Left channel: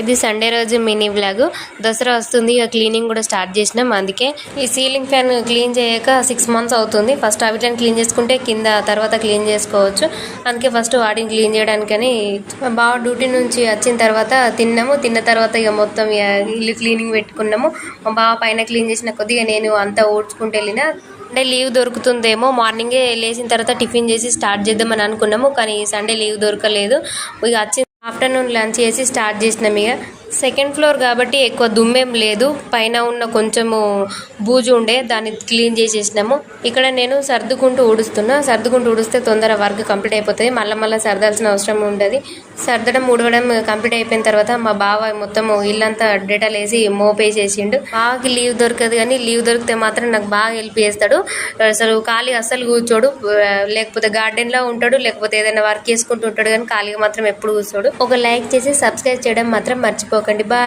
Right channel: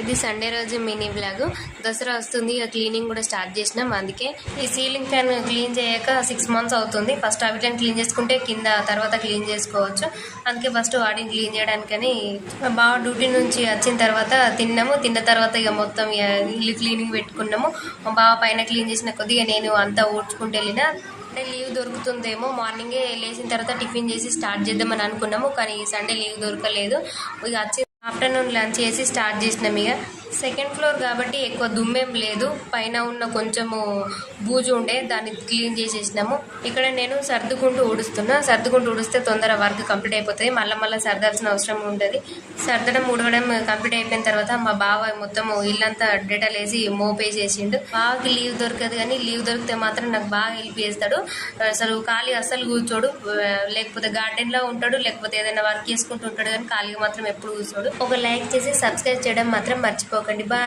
ఇది సండే రోజు mini vlog. Dasara వస్తుంది, ఇక క్లీనింగ్ కూడా స్టార్ట్ చేసినాం. అందుకే ఈ సీలింగ్ ఫ్యాన్ క్లీన్ చేయక 6 months అవుతుంది. ఫస్ట్ అవిటిని క్లీన్ చేసుకుంటే కింద తర్వాత క్లీన్ చేసుకోవచ్చు. అందుకే ఫస్ట్ వాటిని క్లీన్ చేయడానికని మా బావ డ్యూటీ నుంచి వచ్చిన తర్వాత తిన్న తర్వాత ఇక మొత్తం ఇల్లు క్లీనింగ్ పెట్టుకున్నాము. మా బావ పైన క్లీన్ చేసిన కొద్దిగా నేను అంతా ఊడ్చుకుంటూ వెళ్ళిన. అంటే లీవ్ దొరుకుతుందేమో, మార్నింగే లేచిన తర్వాత టిఫిన్ చేసి స్టార్ట్ చేద్దామని అనుకున్నాము. కానీ సండే లీవ్ దొరకలేదు. ఇక వచ్చి ఆఫ్టర్నూన్ లంచ్ చేసి స్టార్ట్ చేసినాం. ఇక సెకండ్ ఫ్లోర్ కాబట్టి ఎక్కువ దుమ్మేం లేదు. పైన ఉన్న కొంచెము బూజు ఉండే, దాన్ని క్లీన్ చేసేసినాము. ఇక్కడ నేను సర్దుకుంటూ ఊడిస్తే తొందర వర్క్ కంప్లీట్ అయిపోతుంది. మళ్ళీ సర్దాల్సిన అవసరం ఉండదు. సర్దడం ఊడవడం కంప్లీట్ అయిపోయిన తర్వాత మా బావ మొత్తం ఇల్లంతా డేటాలు వేసి మోపేసేసిండు. బావకి లీవ్ దొరకదు, కానీ లీవ్ దొరికితే మాత్రం నాకు బాగా హెల్ప్ చేస్తాడు. అసలు కూర్చోడు, లేకపోతే గార్డెన్లో ఉంటాడు, లేకపోతే ఏదైనా వర్క్ చేసుకుంటూ ఉంటాడు. కానీ ఖాళీగా మాత్రం ఎప్పుడు కూర్చోడు. ఒక లైక్ చేసి సబ్స్క్రైబ్ చేయడం మాత్రం మర్చిపోకండి. బాయ్.